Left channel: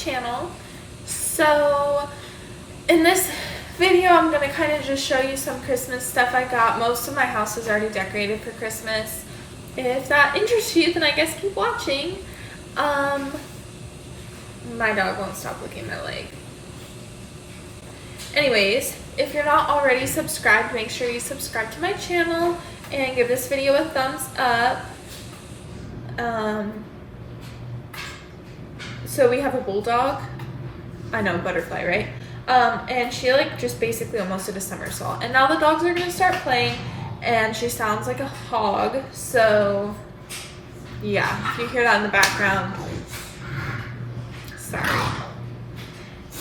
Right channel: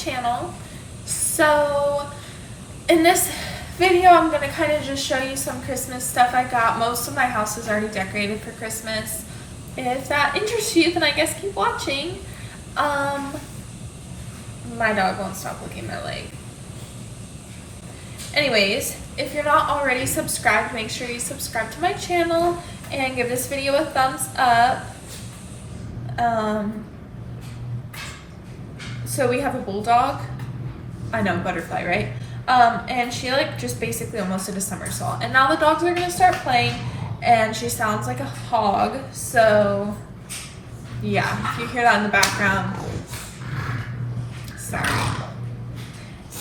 channel. So in this video I'm going to kind of just show you some Christmas stuff I got. Most of my house is already decorated for Christmas. If that interests you, then I guess keep watching. My dog won't stop licking my leg. Anyways, if you're not already subscribed, make sure you subscribe to my channel and give this video a thumbs up. So we have a bulldog. I know, butterfly, right? And she just basically almost did a somersault. And now the dogs are gonna start playing and she sounds like a hog. So yeah, if you hear that in the background, sorry.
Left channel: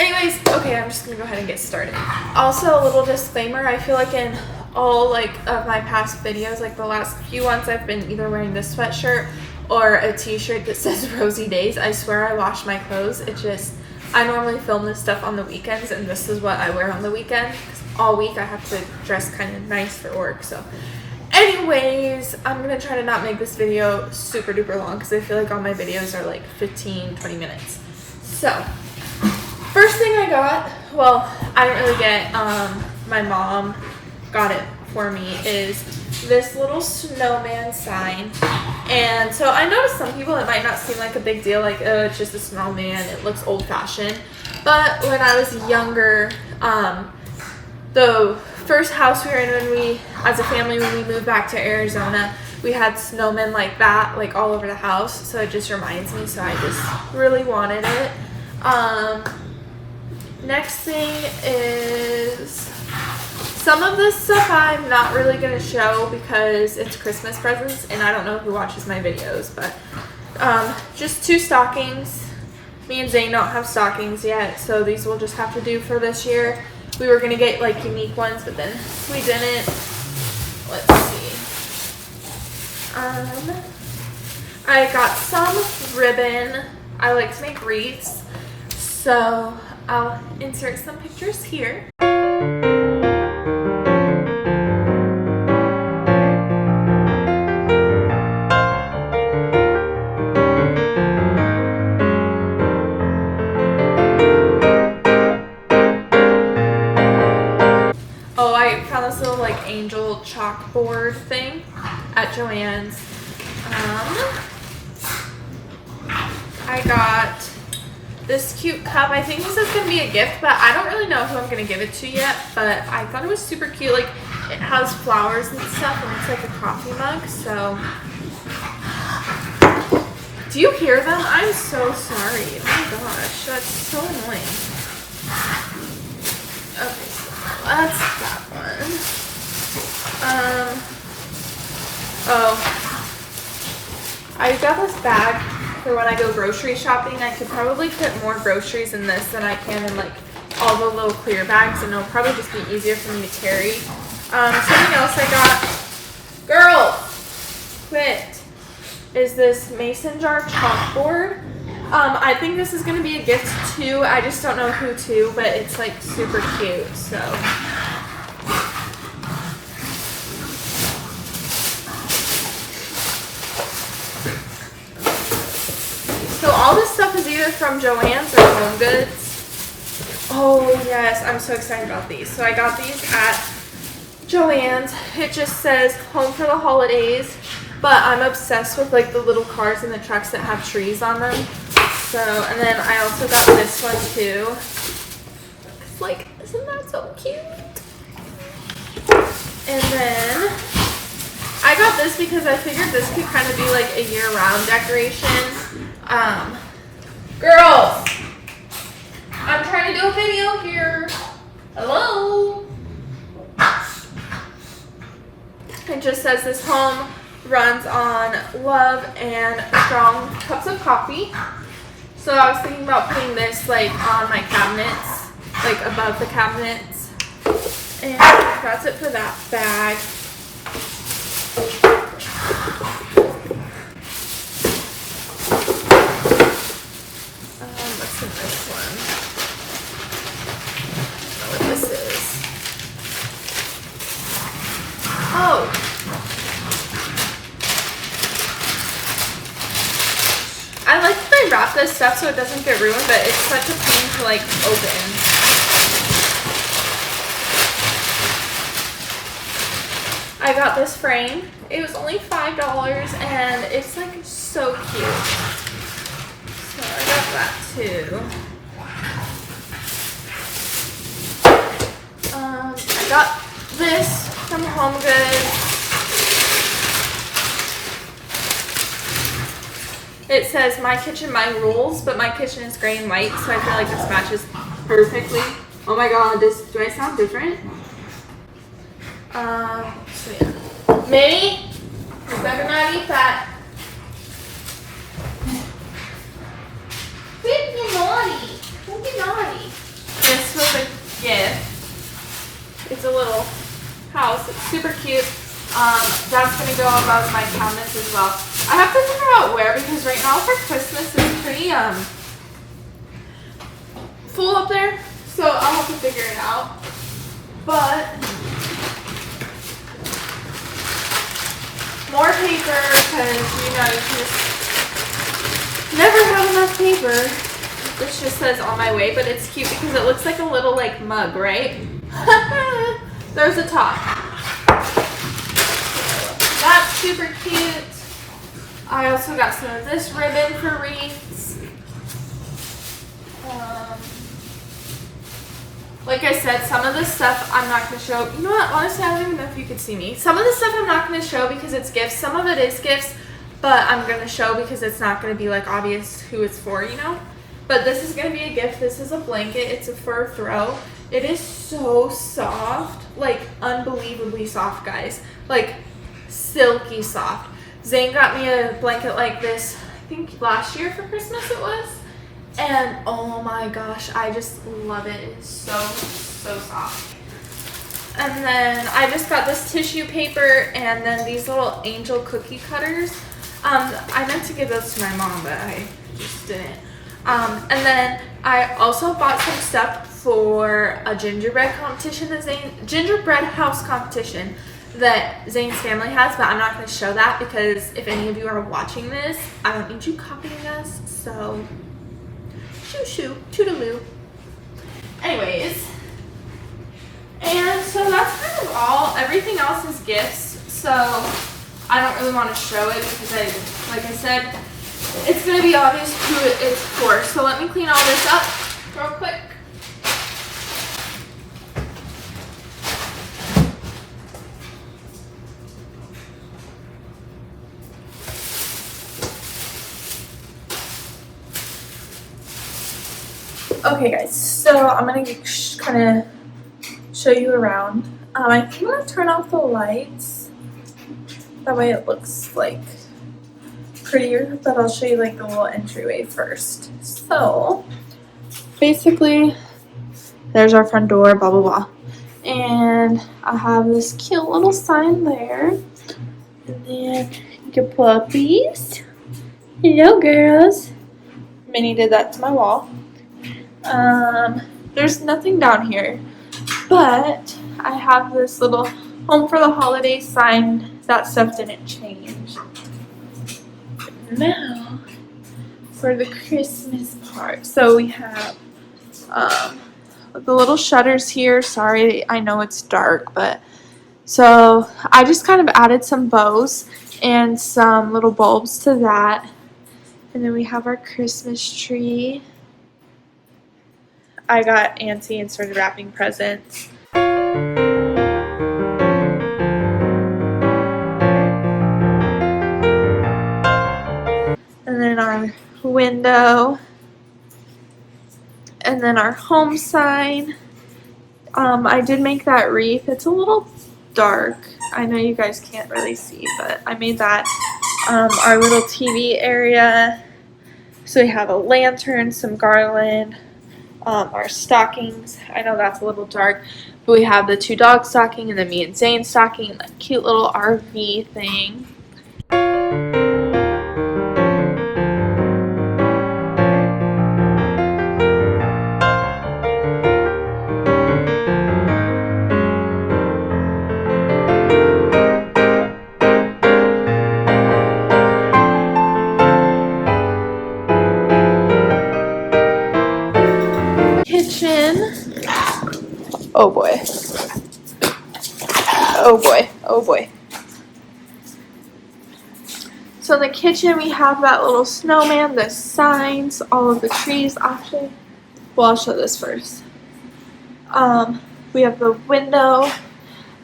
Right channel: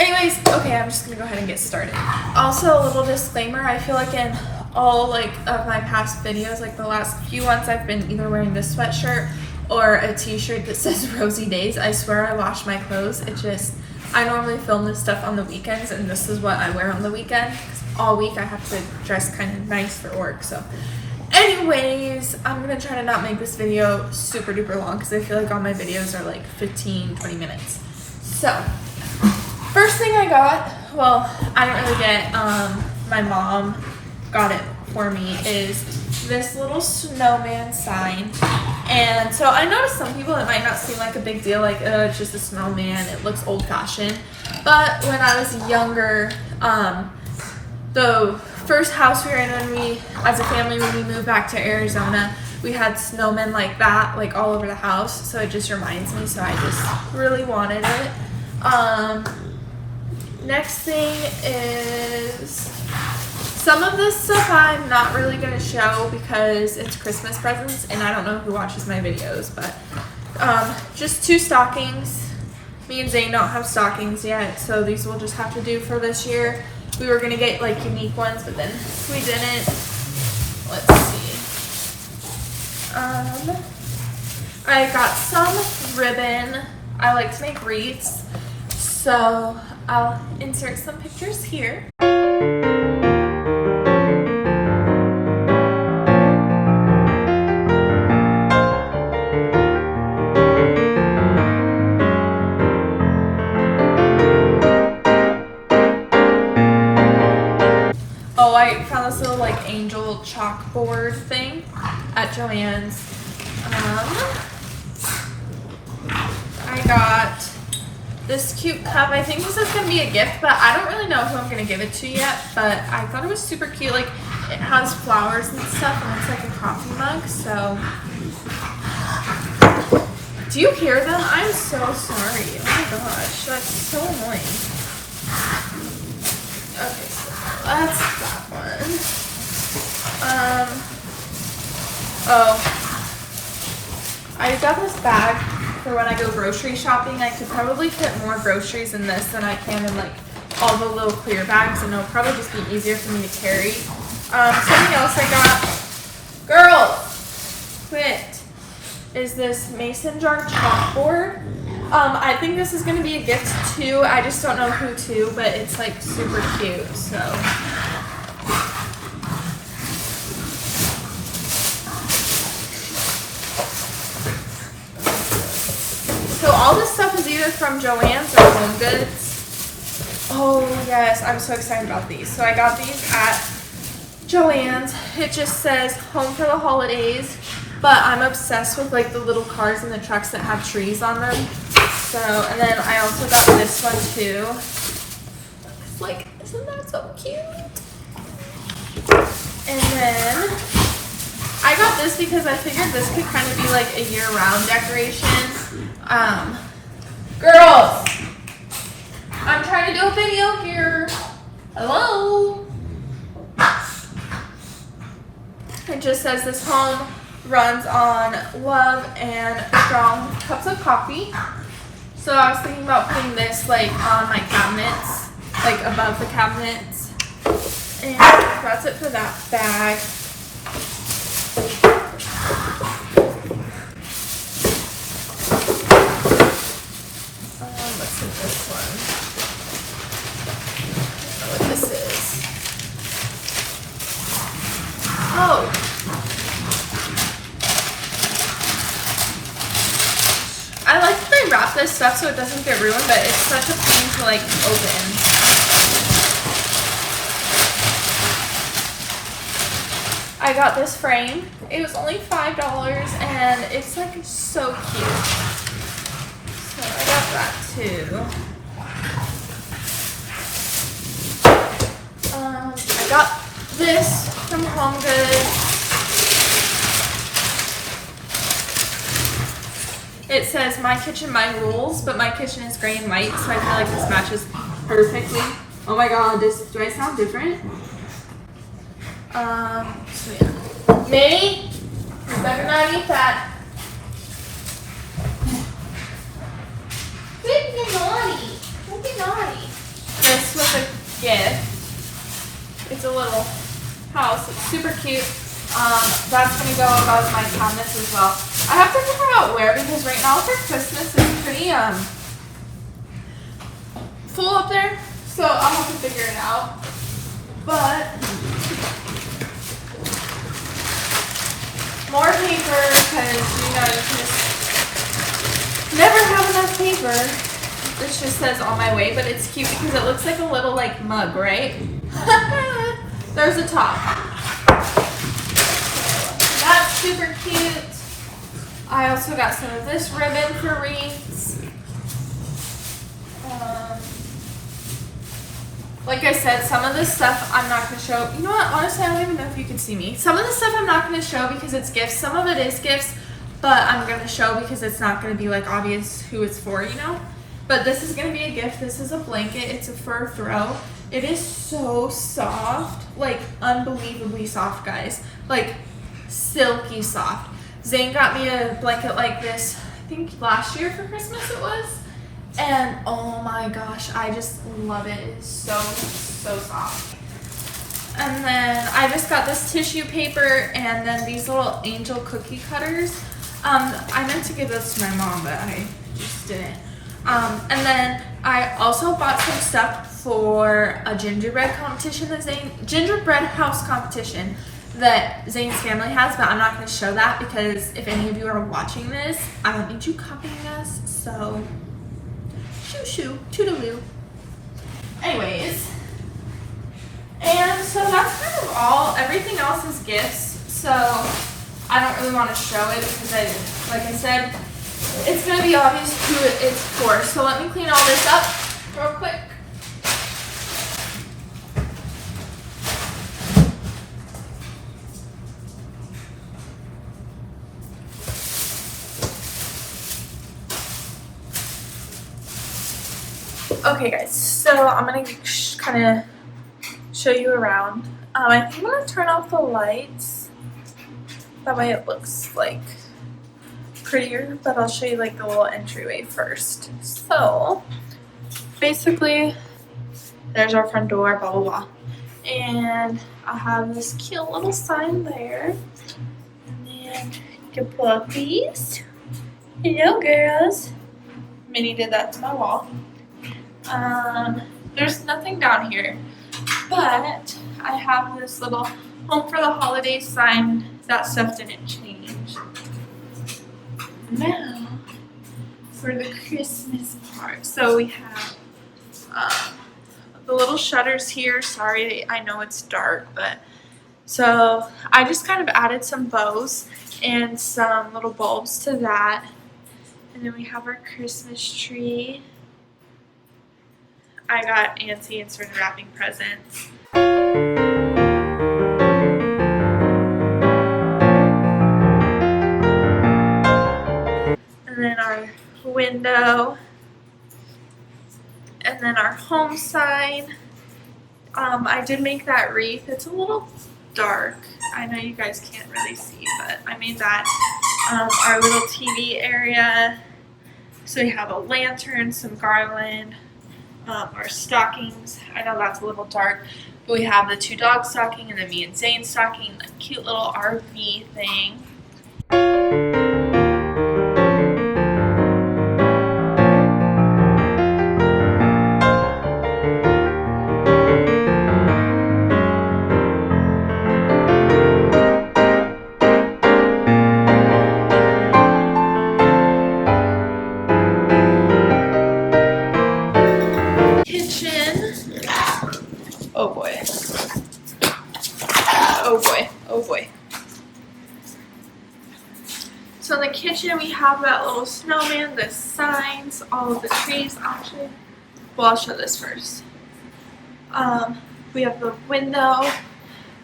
Anyways, okay, I'm just gonna go ahead and get started. Also, a little disclaimer, I feel like in all of my past videos, the last few ones, I've been either wearing this sweatshirt or a t-shirt that says Rosy Days. I swear I wash my clothes. I normally film this stuff on the weekends, and this is what I wear on the weekend, because all week I have to dress kind of nice for work. So anyways, I'm gonna try to not make this video super duper long, because I feel like all my videos are 15-20 minutes. So first thing I got, well, I didn't really get, my mom got it for me, is this little snowman sign. And so I noticed some people, it might not seem like a big deal, oh, it's just a snowman, it looks old-fashioned. But when I was younger, the first house we were in as a family, when we moved back to Arizona, we had snowmen like that, all over the house. So it just reminds me, so I just really wanted it. Next thing is, some of this stuff I'm not really going to show because it's Christmas presents and I don't know who watches my videos, but just 2 stockings. Me and Zane don't have stockings yet, so these will just have to do for this year. We were going to get unique ones, but then we didn't. Let's see. I got some ribbon. I like to make wreaths, so I'll insert some pictures here. Oh, I found this little angel chalkboard thing at Joann's. I got this cute cup. I think this is going to be a gift, but I don't really know who I'm going to give it to yet, but I thought it was super cute. It has flowers and stuff, and it's a coffee mug, so. Do you hear them? I'm so sorry. Oh my gosh, that's so annoying. Okay, so that's that one. Oh, I got this bag for when I go grocery shopping. I could probably fit more groceries in this than I can in all the little clear bags, and it'll probably just be easier for me to carry. Something else I got, girl, quit, is this mason jar chalkboard. I think this is going to be a gift too. I just don't know who to, but it's super cute, so. So all this stuff is either from Joann's or Home Goods. Oh yes, I'm so excited about these. So I got these at Joann's. It just says home for the holidays, but I'm obsessed with the little cars and the trucks that have trees on them. So, and then I also got this one too. Isn't that so cute? And then I got this because I figured this could kind of be a year-round decoration. Girls, I'm trying to do a video here. Hello. It just says this home runs on love and strong cups of coffee. So I was thinking about putting this on my cabinets, above the cabinets. And that's it for that bag. What's in this one? I don't know what this is. Oh. I like the usually wrap this stuff so it doesn't get ruined, but it's such a pain to like open. I got this frame. It was only $5 and it's like so cute. So I got that too. I got this from Home Goods. It says my kitchen, my rules, but my kitchen is gray and white, so I feel like this matches perfectly. Oh my god, do I sound different? So yeah. Minnie, you better not eat that. Don't be naughty. Don't be naughty. This was a gift. It's a little house. It's super cute. That's gonna go above my cabinets as well. I have to figure out where, because right now for Christmas it's pretty full up there, so I'll have to figure it out. But more paper, because you know you just never have enough paper. This just says on my way, but it's cute because it looks like a little like mug, right? There's a top. That's super cute. I also got some of this ribbon for wreaths. Like I said, some of this stuff I'm not going to show. You know what? Honestly, I don't even know if you can see me. Some of the stuff I'm not going to show because it's gifts. Some of it is gifts, but I'm going to show because it's not going to be like obvious who it's for, you know? But this is going to be a gift. This is a blanket. It's a fur throw. It is so soft. Like, unbelievably soft, guys. Like, silky soft. Zane got me a blanket like this, I think last year for Christmas it was. And oh my gosh, I just love it. It's so, so soft. And then I just got this tissue paper and then these little angel cookie cutters. I meant to give those to my mom, but I just didn't. And then I also bought some stuff for a gingerbread competition that gingerbread house competition that Zane's family has, but I'm not going to show that because if any of you are watching this, I don't need you copying us, so shoo shoo, toodaloo. Anyways, and so that's kind of all. Everything else is gifts, so I don't really want to show it because like I said, it's going to be obvious who it's for. So let me clean all this up real quick. Okay guys, so I'm going to kind of show you around. I think I'm going to turn off the lights. That way it looks like prettier, but I'll show you like the little entryway first. So basically there's our front door, blah blah blah. And I have this cute little sign there. And then the puppies. Hello girls. Minnie did that to my wall. There's nothing down here, but I have this little home for the holidays sign. That stuff didn't change. Now for the Christmas part. So we have the little shutters here. Sorry, I know it's dark, but so I just kind of added some bows and some little bulbs to that. And then we have our Christmas tree. I got antsy and started wrapping presents. And then our window. And then our home sign. I did make that wreath. It's a little dark. I know you guys can't really see, but I made that. Our little TV area. So we have a lantern, some garland. Our stockings. I know that's a little dark, but we have the 2 dog stocking and then me and Zane stocking and that cute little RV thing. Oh boy. Oh boy. Oh boy. So in the kitchen we have that little snowman, the signs, all of the trees actually. Well, I'll show this first. We have the window.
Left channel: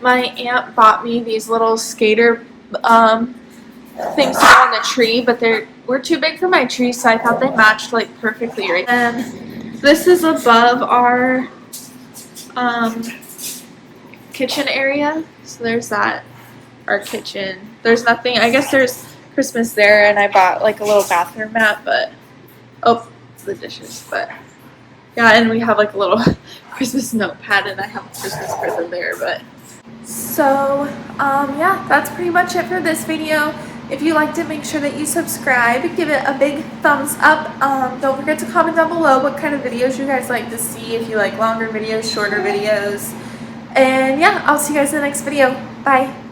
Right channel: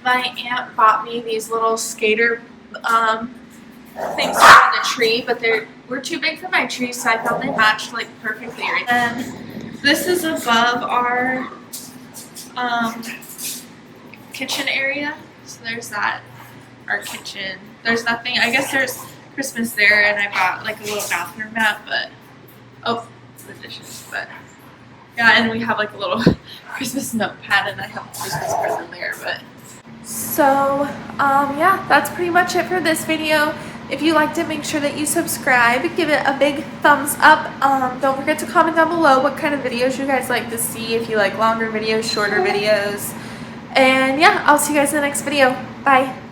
My aunt bought me these little skater things to go on the tree, but were too big for my tree, so I thought they matched like perfectly right. And this is above our kitchen area. So there's that, our kitchen. There's nothing, I guess there's Christmas there, and I bought like a little bathroom mat, but oh, it's the dishes, but yeah, and we have like a little Christmas notepad, and I have a Christmas present there, but so yeah, that's pretty much it for this video. If you liked it, make sure that you subscribe, give it a big thumbs up. Don't forget to comment down below what kind of videos you guys like to see, if you like longer videos, shorter videos, and yeah, I'll see you guys in the next video. Bye.